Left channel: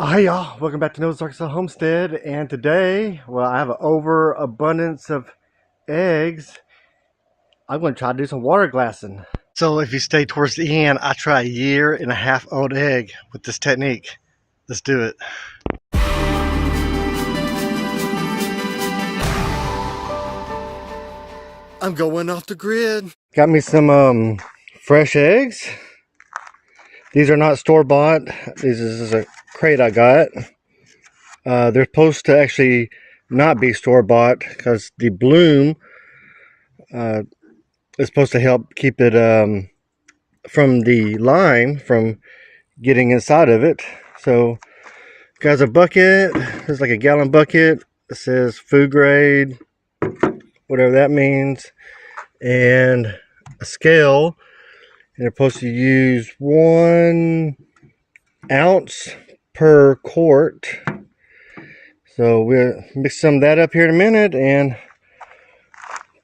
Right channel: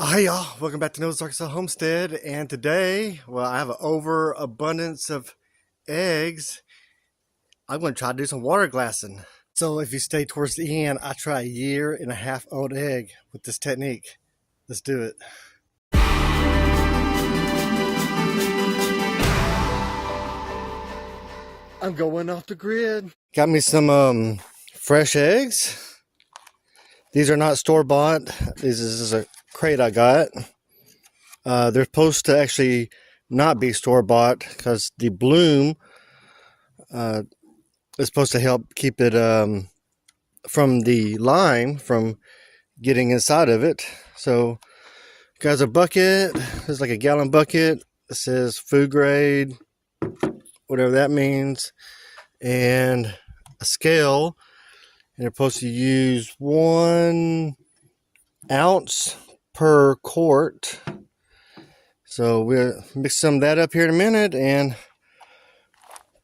Hi y'all, welcome back to Noah's Arkansas Homestead, and today, well, I have an overabundance of eggs. I'm going to try to do some water glassing. So if you stay towards the end, I try a 1.5 year old egg with this technique. Let's do it. I'm going off the grid. Got me some fresh eggs. These are not store-bought. This is a crate I got. They're supposed to actually not be store-bought because the bloom is supposed to help keep it from the lime from getting inside of it. So, guys, a bucket. It's like a gallon bucket. It says food grade, whatever that means, and a scale. And you're supposed to use 1 ounce per quart. So we'll mix some of that up here in a minute and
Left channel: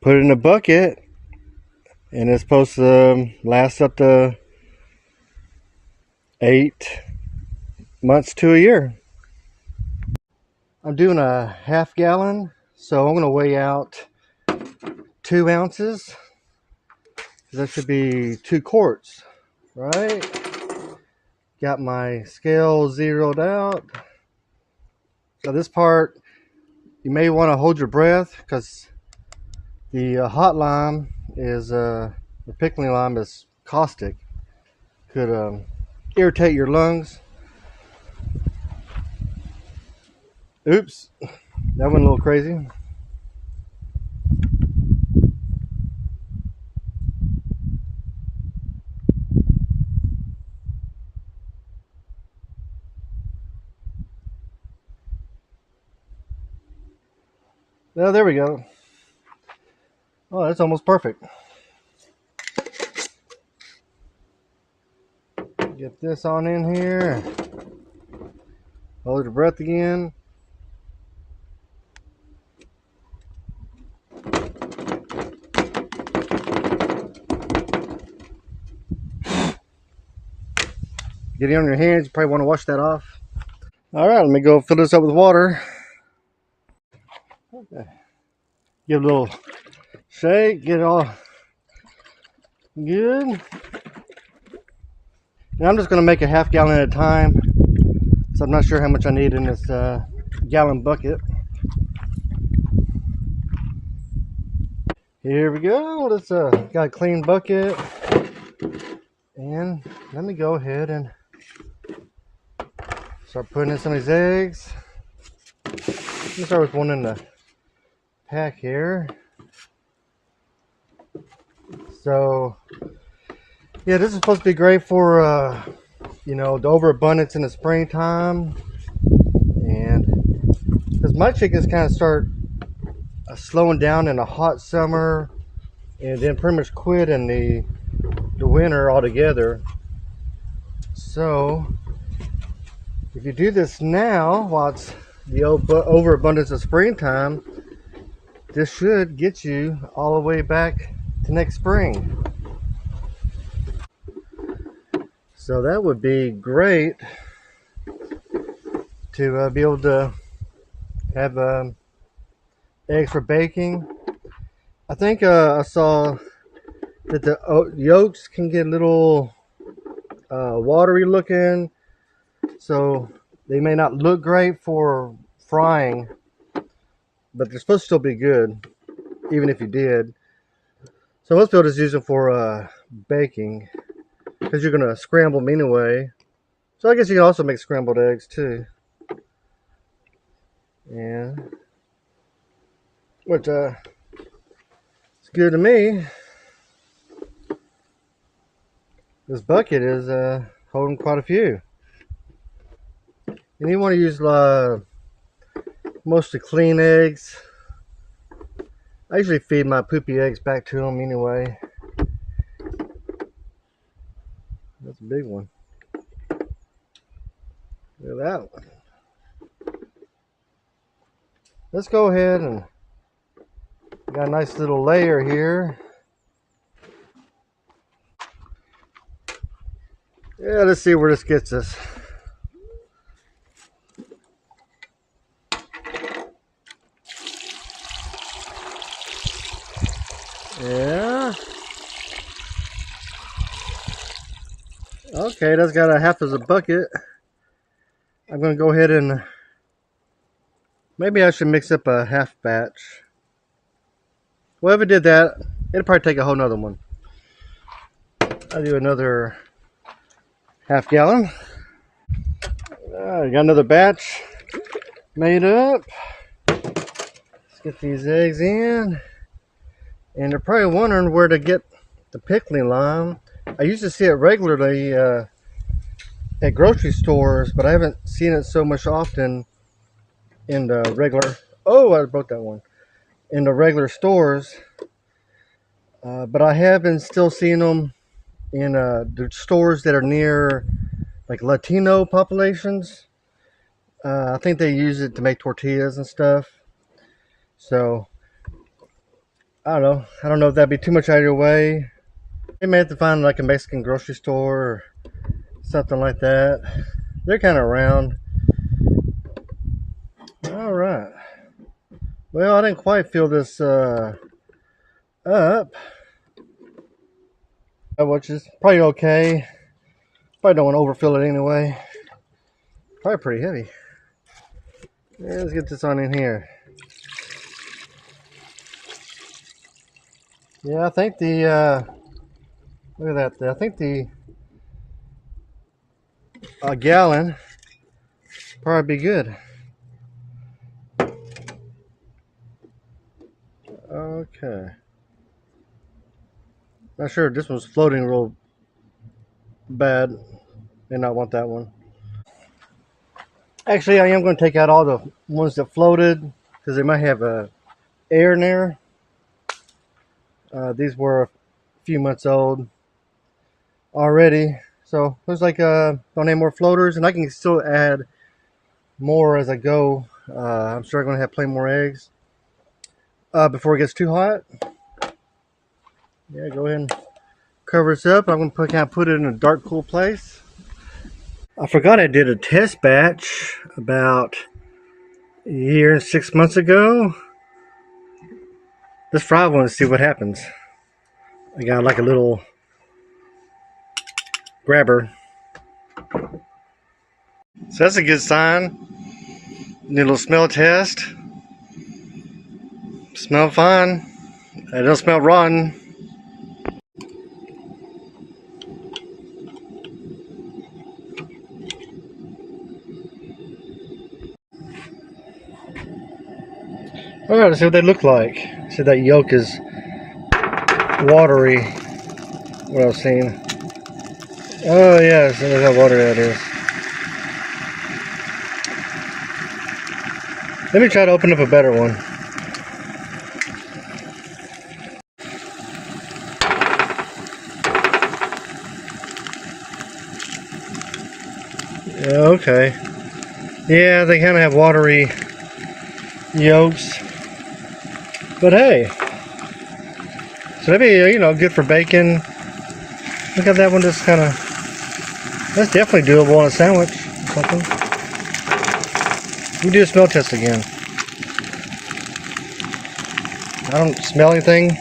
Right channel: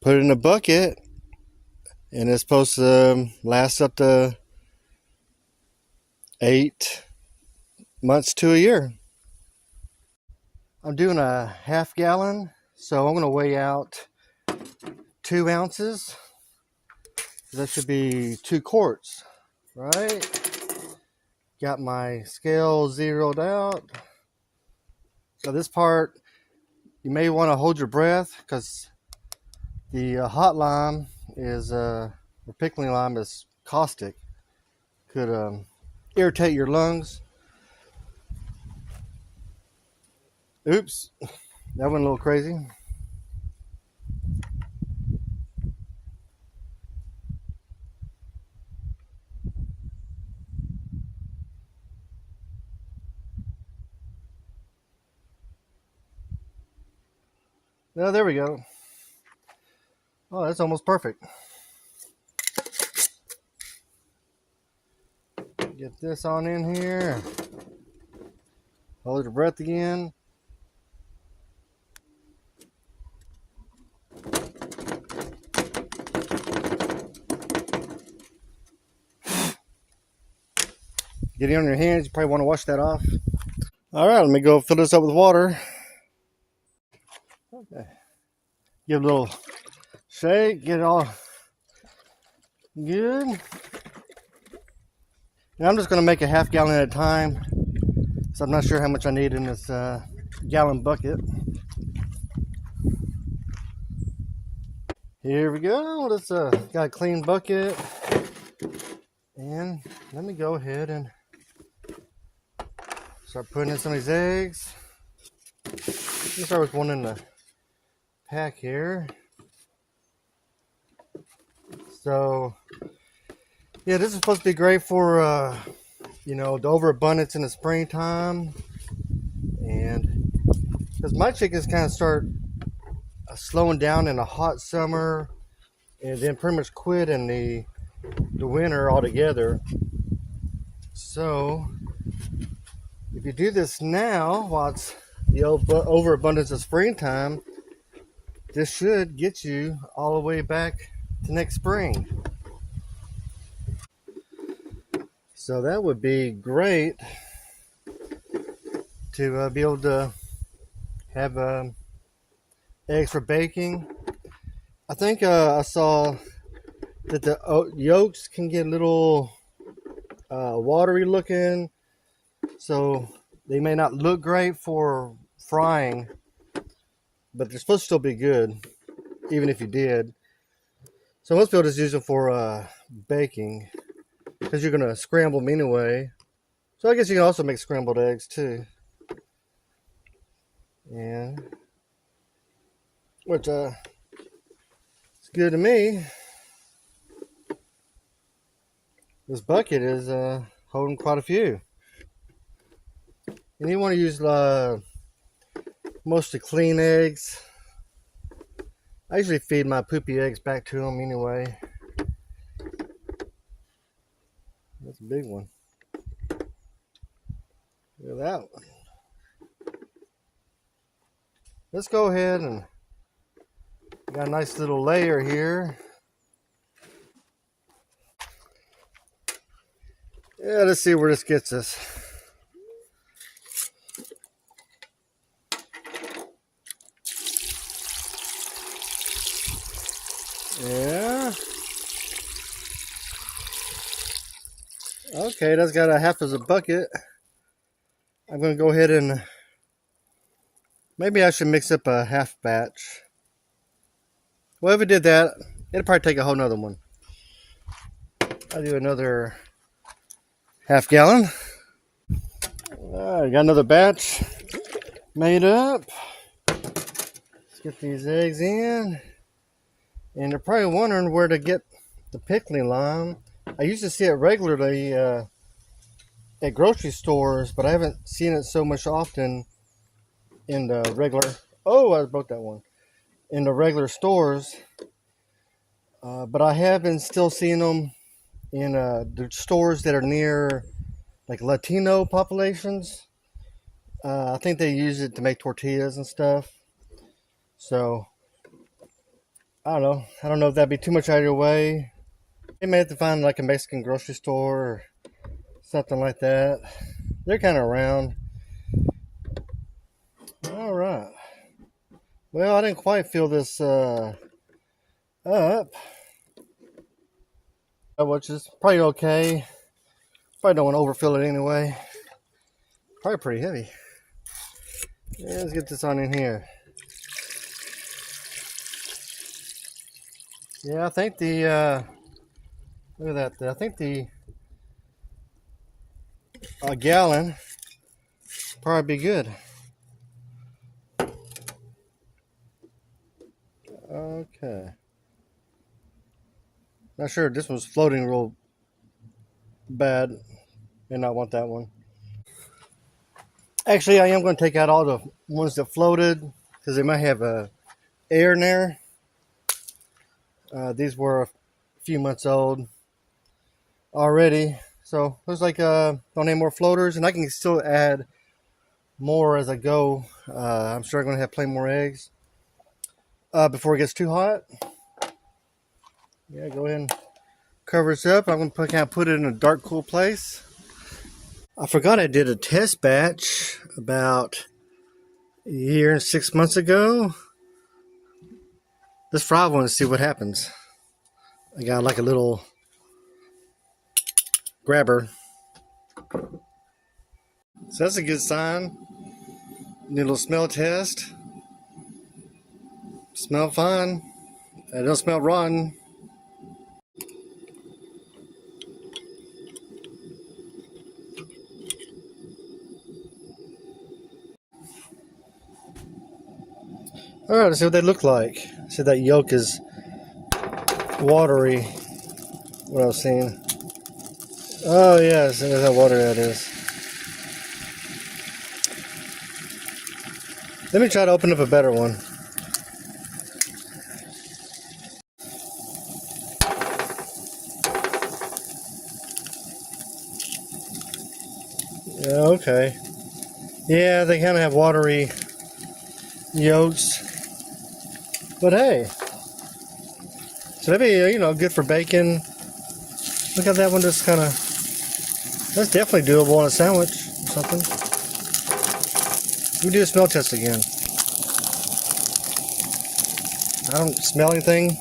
put it in a bucket. And it's supposed to last up to 8 months to a year. I'm doing a 1/2 gallon, so I'm going to weigh out 2 ounces. That should be 2 quarts, right? Got my scale zeroed out. So this part, you may want to hold your breath because the hot lime is, the pickling lime is caustic. Could irritate your lungs. Oops, that went a little crazy. Oh, there we go. Oh, that's almost perfect. Get this on in here. Hold your breath again. Get it on your hands. You probably want to wash that off. All right, let me go fill this up with water. Okay. Give it a little shake. Get it all good. And I'm just going to make a 1/2 gallon at a time. So I'm not sure how much I need in this gallon bucket. Here we go. Let's got a clean bucket. And let me go ahead and start putting in some of these eggs. Let me start with one in the pack here. So, yeah, this is supposed to be great for, you know, the overabundance in the springtime. And because my chickens kind of start slowing down in a hot summer and then pretty much quit in the winter altogether. So, if you do this now, while it's the overabundance of springtime, this should get you all the way back to next spring. So that would be great to be able to have eggs for baking. I think I saw that the yolks can get a little watery looking, so they may not look great for frying, but they're supposed to still be good, even if you did. So most people just use them for baking, because you're going to scramble them anyway. So I guess you can also make scrambled eggs too. Yeah. Which it's good to me. This bucket is holding quite a few. And you want to use mostly clean eggs. I usually feed my poopy eggs back to them anyway. That's a big one. Look at that one. Let's go ahead and got a nice little layer here. Yeah, let's see where this gets us. Yeah. Okay, that's got a half as a bucket. I'm gonna go ahead and maybe I should mix up a half batch. Well, if it did that, it'd probably take a whole nother one. I'll do another half gallon. I got another batch made up. Let's get these eggs in. And they're probably wondering where to get the pickling lime. I used to see it regularly at grocery stores, but I haven't seen it so much often in the regular. Oh, I broke that one. In the regular stores. But I have been still seeing them in the stores that are near like Latino populations. I think they use it to make tortillas and stuff. So I don't know. I don't know if that'd be too much out of your way. You may have to find like a Mexican grocery store or something like that. They're kind of around. All right. Well, I didn't quite fill this up, which is probably okay. Probably don't want to overfill it anyway. Probably pretty heavy. Yeah, let's get this on in here. Yeah, I think the look at that. I think the gallon probably be good. Okay. Not sure. This one's floating real bad. May not want that one. Actually, I am going to take out all the ones that floated because they might have air in there. These were a few months old already. So looks like don't need more floaters, and I can still add more as I go. I'm sure I'm going to have plenty more eggs before it gets too hot. Yeah, go ahead and cover this up. I'm going to kind of put it in a dark, cool place. I forgot I did a test batch about a year and 6 months ago. Let's fry one and see what happens. I got like a little grabber. So that's a good sign. Need a little smell test. Smell fine. It don't smell rotten. All right, let's see what they look like. See, that yolk is watery. What I was seeing. Oh yeah, see how watery that is. Let me try to open up a better one. Okay. Yeah, they kind of have watery yolks. But hey, so maybe, you know, good for bacon. Look at that one, just kind of, that's definitely doable on a sandwich or something. We do a smell test again. I don't smell anything.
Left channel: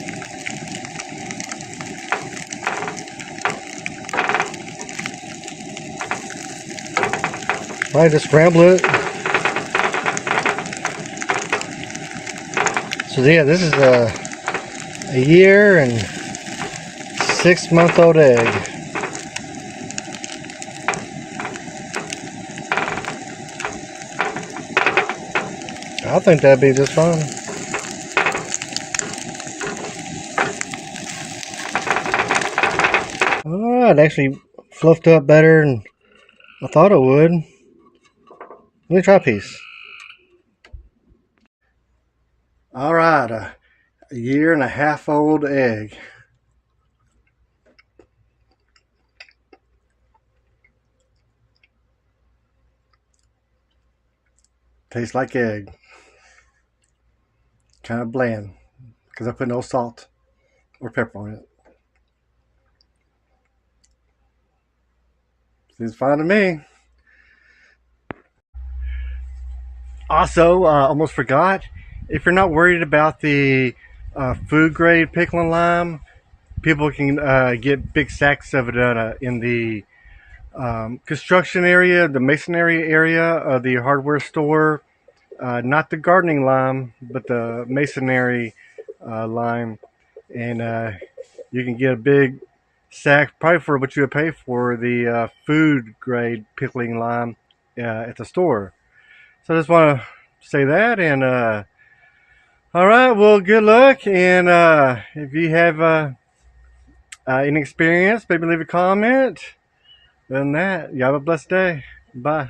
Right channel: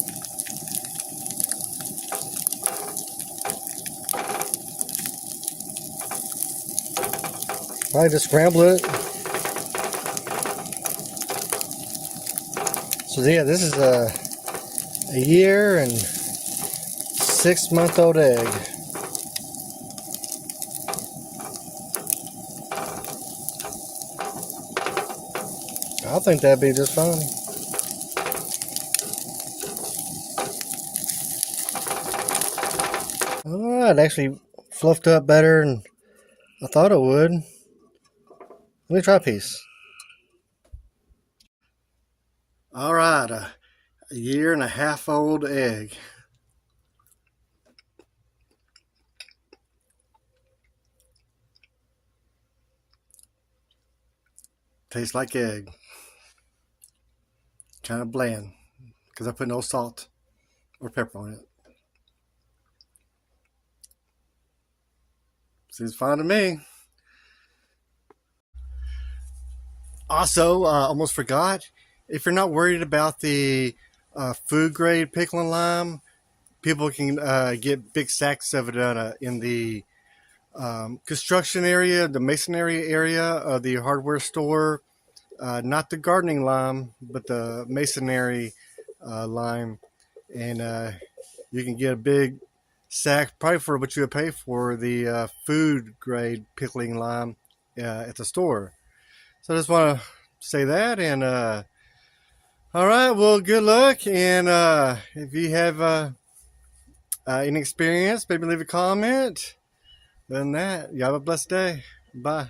I just scramble it. So yeah, this is a year and 6 month old egg. I think that'd be just fine. Alright, actually fluffed up better than I thought it would. Let me try a piece. Alright, a year and a half old egg. Tastes like egg. Kind of bland because I put no salt or pepper on it. Seems fine to me. Also, almost forgot, if you're not worried about the food grade pickling lime. People can get big sacks of it in the construction area, the masonry area of the hardware store. Not the gardening lime, but the masonry lime. And you can get a big sack, probably for what you would pay for the food grade pickling lime at the store. So I just want to say that. And all right, well, good luck. And if you have any experience, maybe leave a comment. Other than that, you have a blessed day. Bye.